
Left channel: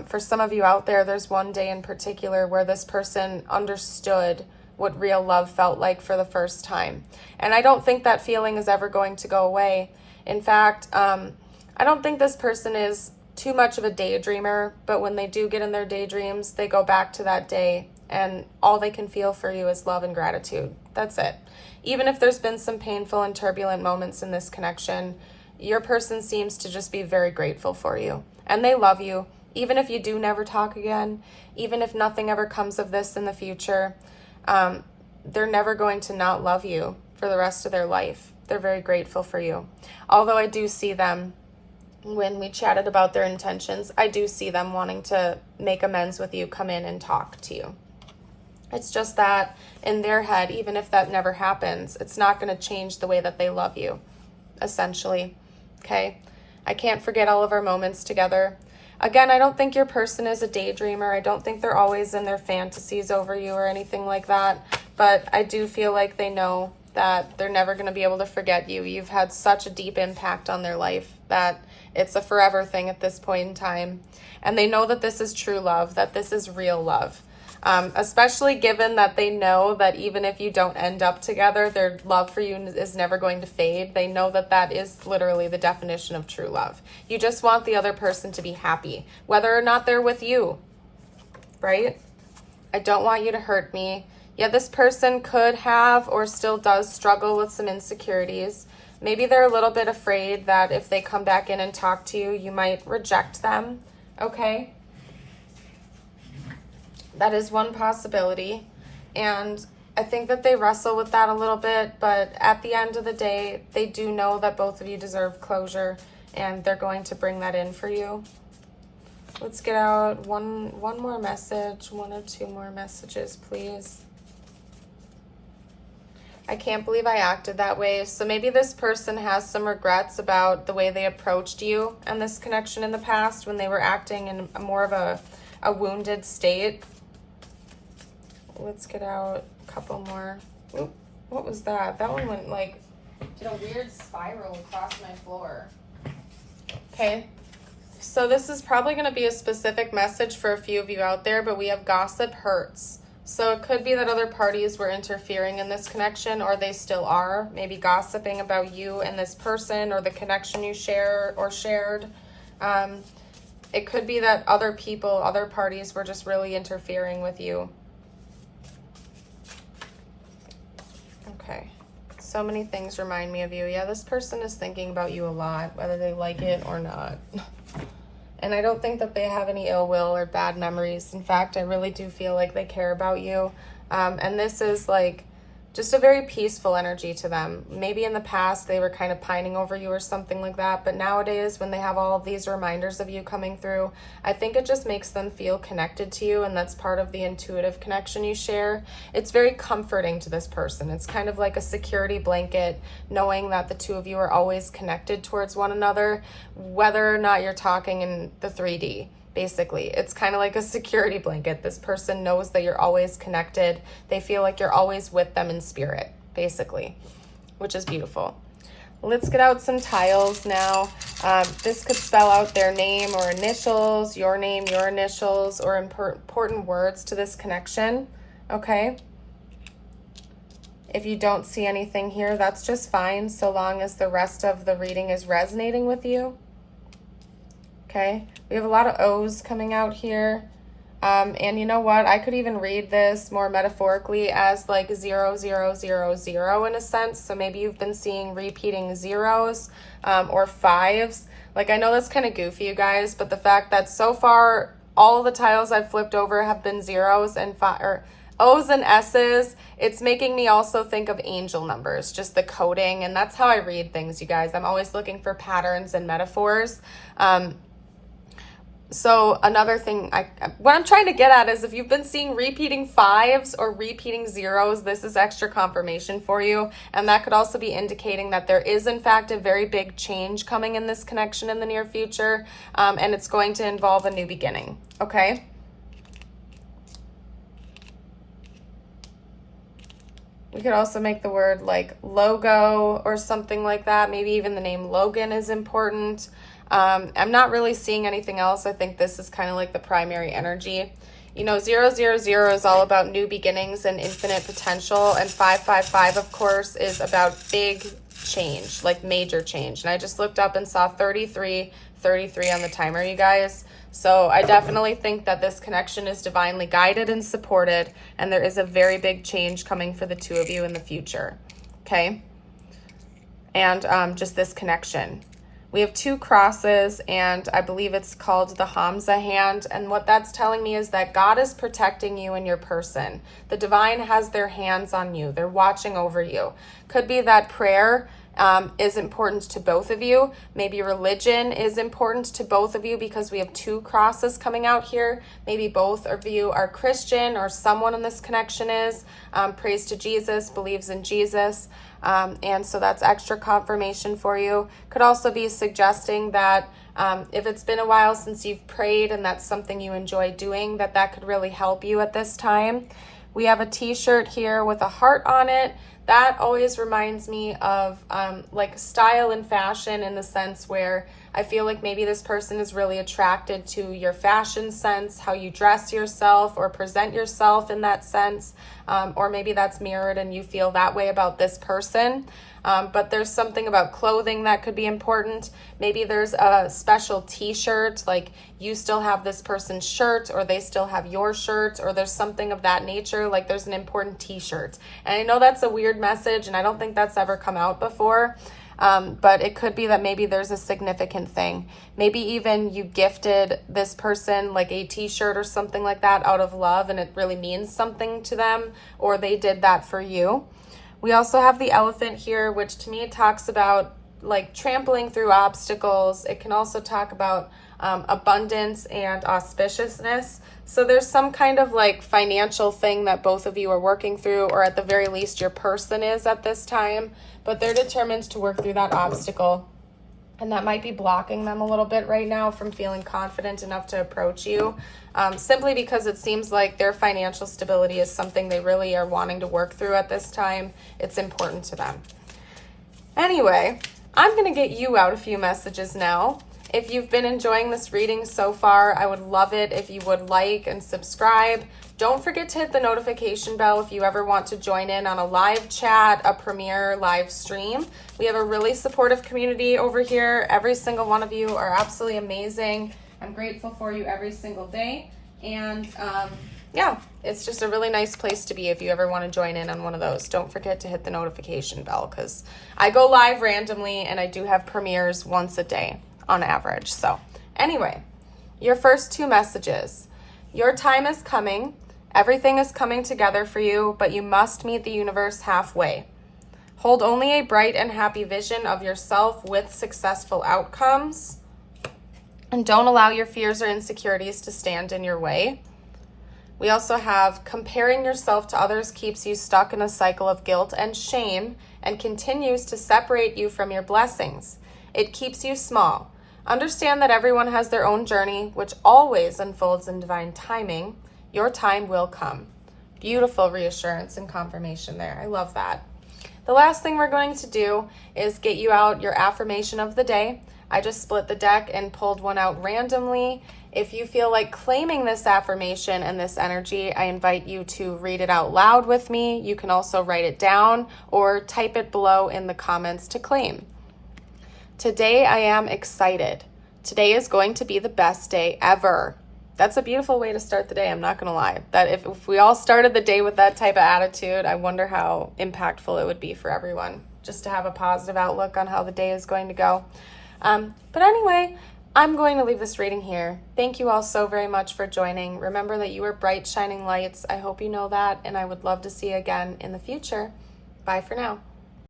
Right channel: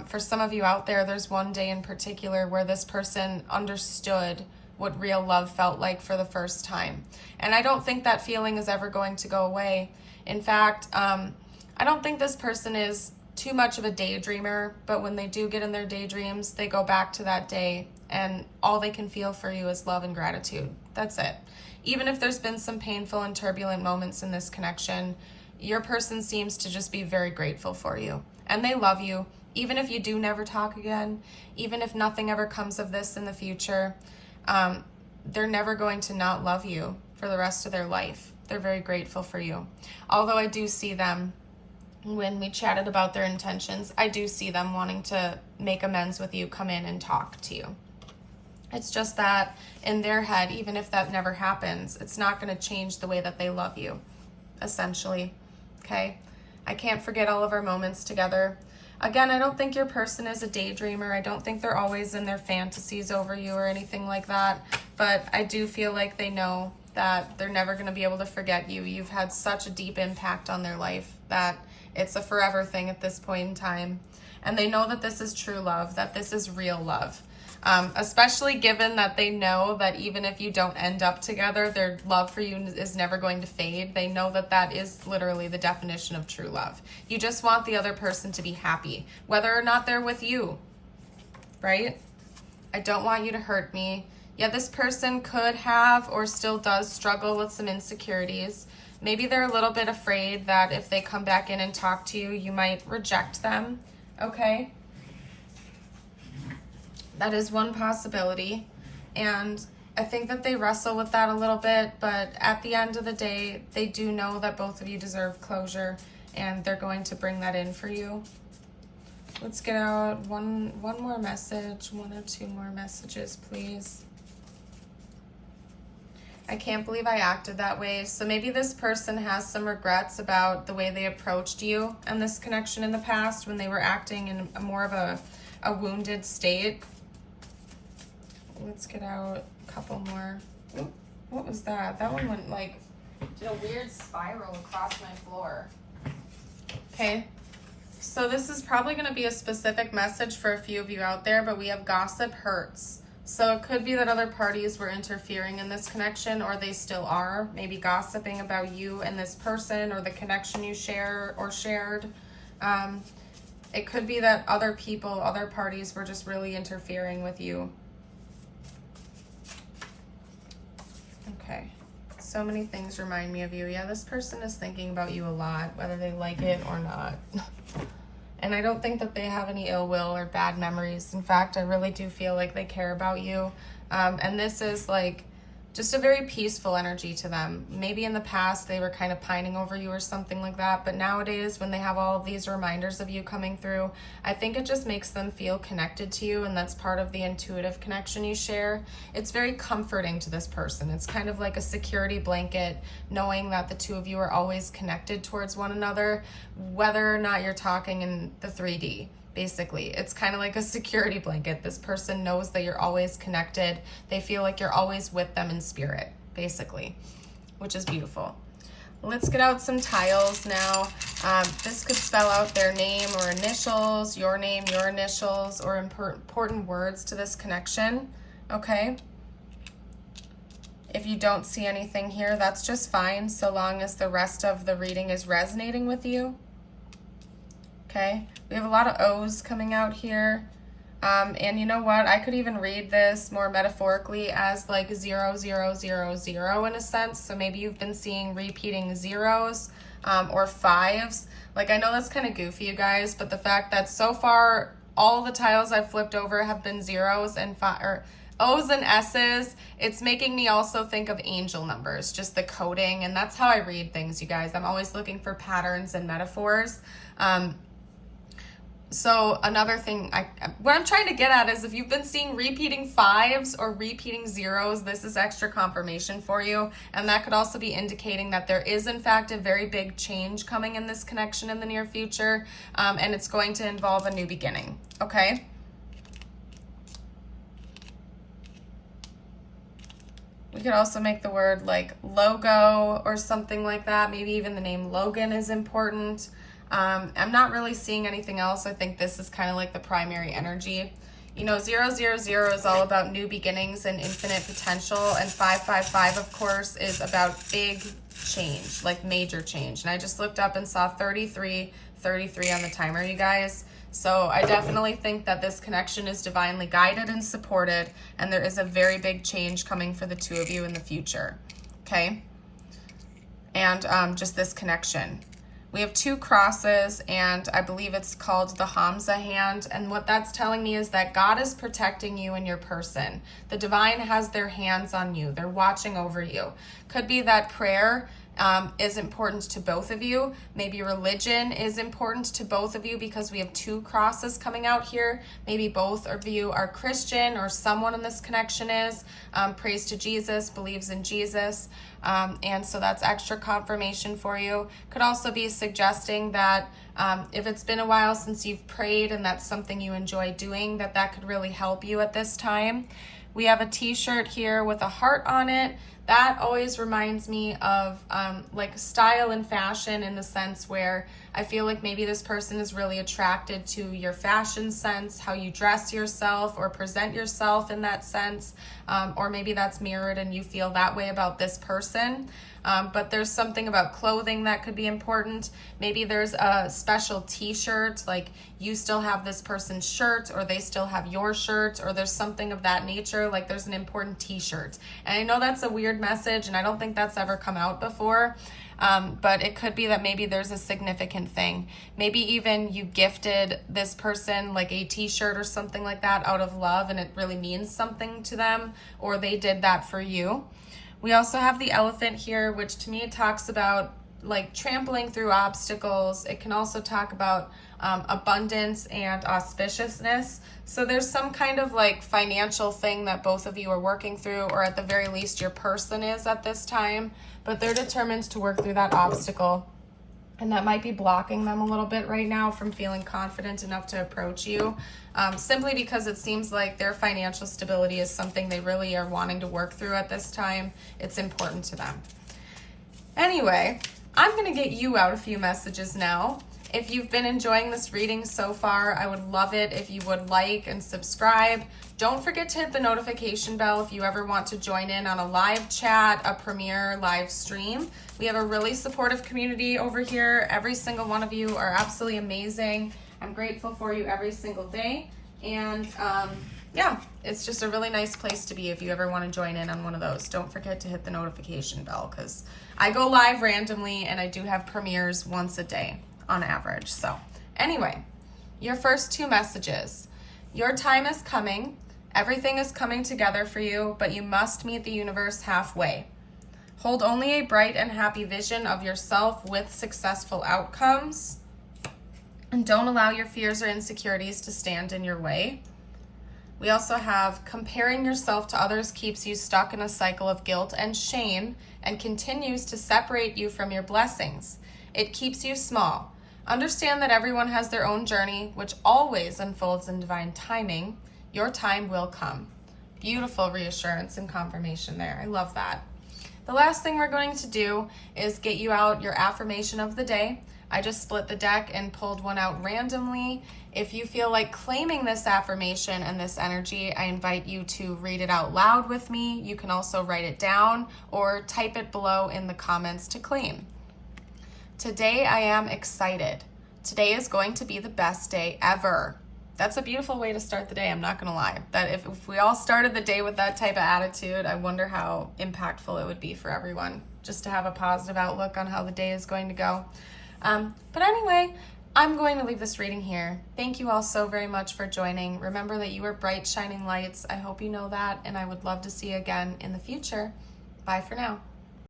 For some of you out there, there's one day in particular where this person understood what real love felt like for the first time. And I don't think that feeling is ever going to go away. In fact, I don't think this person is too much of a daydreamer, but when they do get in their daydreams, they go back to that day and all they can feel for you is love and gratitude. That's it. Even if there's been some painful and turbulent moments in this connection, your person seems to just be very grateful for you and they love you. Even if you do never talk again, even if nothing ever comes of this in the future, they're never going to not love you for the rest of their life. They're very grateful for you. Although I do see them, when we chatted about their intentions, I do see them wanting to make amends with you, come in and talk to you. It's just that in their head, even if that never happens, it's not going to change the way that they love you, essentially. Okay? I can't forget all of our moments together. Again, I don't think your person is a daydreamer. I don't think they're always in their fantasies over you or anything like that. But I do feel like they know that they're never going to be able to forget you. You've had such a deep impact on their life that it's a forever thing at this point in time. And they know that this is true love, that this is real love. Especially given that they know that even if you don't end up together, their love for you is never going to fade. They know that that is literally the definition of true love. You just want the other person to be happy, whether or not they're with you, right? I don't want you to hurt me. Yeah, this person could have or still does struggle with some insecurities. Maybe they're a little bit afraid that if they come back in and talk to you, you might reject them, okay? That is one possibility, and I think that they wrestle with that a little bit, but at the end of the day, they do know that both of you deserve closure, and they're going to bring that in for you. Let's get out one more message, 1 or 2 more messages, please. I can't believe I acted that way. So maybe this person has some regrets about the way they approached you and this connection in the past when they were acting in more of a wounded state. Let's get out a couple more. Oop, what was that? That one went like, did a weird spiral across my floor. Okay. So this is probably going to be a specific message for a few of you out there, but we have gossip hurts. So it could be that other parties were interfering in this connection, or they still are, maybe gossiping about you and this person or the connection you share or shared. It could be that other people, other parties were just really interfering with you. Okay. So many things remind me of you. Yeah, this person is thinking about you a lot, whether they like it or not. And I don't think that they have any ill will or bad memories. In fact, I really do feel like they care about you. And this is like just a very peaceful energy to them. Maybe in the past they were kind of pining over you or something like that. But nowadays, when they have all of these reminders of you coming through, I think it just makes them feel connected to you. And that's part of the intuitive connection you share. It's very comforting to this person. It's kind of like a security blanket, knowing that the two of you are always connected towards one another, whether or not you're talking in the 3D. Basically, it's kind of like a security blanket. This person knows that you're always connected. They feel like you're always with them in spirit, basically, which is beautiful. Let's get out some tiles now. This could spell out their name or initials, your name, your initials, or important words to this connection, okay? If you don't see anything here, that's just fine, so long as the rest of the reading is resonating with you. Okay, we have a lot of O's coming out here. And you know what? I could even read this more metaphorically as like 0, 0, 0, 0 in a sense. So maybe you've been seeing repeating zeros or 5s. Like, I know that's kind of goofy, you guys, but the fact that so far all the tiles I've flipped over have been zeros and O's and S's, it's making me also think of angel numbers, just the coding. And that's how I read things, you guys. I'm always looking for patterns and metaphors. So another thing, what I'm trying to get at is if you've been seeing repeating 5s or repeating zeros, this is extra confirmation for you. And that could also be indicating that there is, in fact, a very big change coming in this connection in the near future. And it's going to involve a new beginning, okay? We could also make the word like logo or something like that. Maybe even the name Logan is important. I'm not really seeing anything else. I think this is kind of like the primary energy. You know, 000 is all about new beginnings and infinite potential. And 555, of course, is about big change, like major change. And I just looked up and saw 33 on the timer, you guys. So I definitely think that this connection is divinely guided and supported. And there is a very big change coming for the two of you in the future. Okay? And just this connection. We have 2 crosses, and I believe it's called the Hamza hand. And what that's telling me is that God is protecting you and your person. The divine has their hands on you. They're watching over you. Could be that prayer is important to both of you. Maybe religion is important to both of you because we have 2 crosses coming out here. Maybe both of you are Christian or someone in this connection is. Prays to Jesus, believes in Jesus. And so that's extra confirmation for you. Could also be suggesting that if it's been a while since you've prayed and that's something you enjoy doing, that could really help you at this time. We have a t-shirt here with a heart on it. that always reminds me of like style and fashion, in the sense where I feel like maybe this person is really attracted to your fashion sense, how you dress yourself or present yourself in that sense, or maybe that's mirrored and you feel that way about this person. But there's something about clothing that could be important. Maybe there's a special t-shirt, like you still have this person's shirt or they still have your shirt, or there's something of that nature, like there's an important t-shirt. And I know that's a weird message and I don't think that's ever come out before, but it could be that maybe there's a significant thing. Maybe even you gifted this person like a t-shirt or something like that out of love and it really means something to them, or they did that for you. We also have the elephant here, which to me talks about like trampling through obstacles. It can also talk about abundance and auspiciousness. So there's some kind of like financial thing that both of you are working through, or at the very least your person is at this time, but they're determined to work through that obstacle. And that might be blocking them a little bit right now from feeling confident enough to approach you, simply because it seems like their financial stability is something they really are wanting to work through at this time. It's important to them. Anyway, I'm going to get you out a few messages now. If you've been enjoying this reading so far, I would love it if you would like and subscribe. Don't forget to hit the notification bell if you ever want to join in on a live chat, a premiere live stream. We have a really supportive community over here. Every single one of you are absolutely amazing. I'm grateful for you every single day. And yeah, it's just a really nice place to be if you ever want to join in on one of those. Don't forget to hit the notification bell, because I go live randomly and I do have premieres once a day on average. So anyway, your first two messages. Your time is coming. Everything is coming together for you, but you must meet the universe halfway. Hold only a bright and happy vision of yourself with successful outcomes. And don't allow your fears or insecurities to stand in your way. We also have comparing yourself to others keeps you stuck in a cycle of guilt and shame and continues to separate you from your blessings. It keeps you small. Understand that everyone has their own journey, which always unfolds in divine timing. Your time will come. Beautiful reassurance and confirmation there. I love that. The last thing we're going to do is get you out your affirmation of the day. I just split the deck and pulled one out randomly. If you feel like claiming this affirmation and this energy, I invite you to read it out loud with me. You can also write it down or type it below in the comments to claim. Today I am excited. Today is going to be the best day ever. That's a beautiful way to start the day, I'm not gonna lie. That if we all started the day with that type of attitude, I wonder how impactful it would be for everyone, just to have a positive outlook on how the day is going to go. But anyway, I'm going to leave this reading here. Thank you all so very much for joining. Remember that you are bright, shining lights. I hope you know that, and I would love to see you again in the future. Bye for now.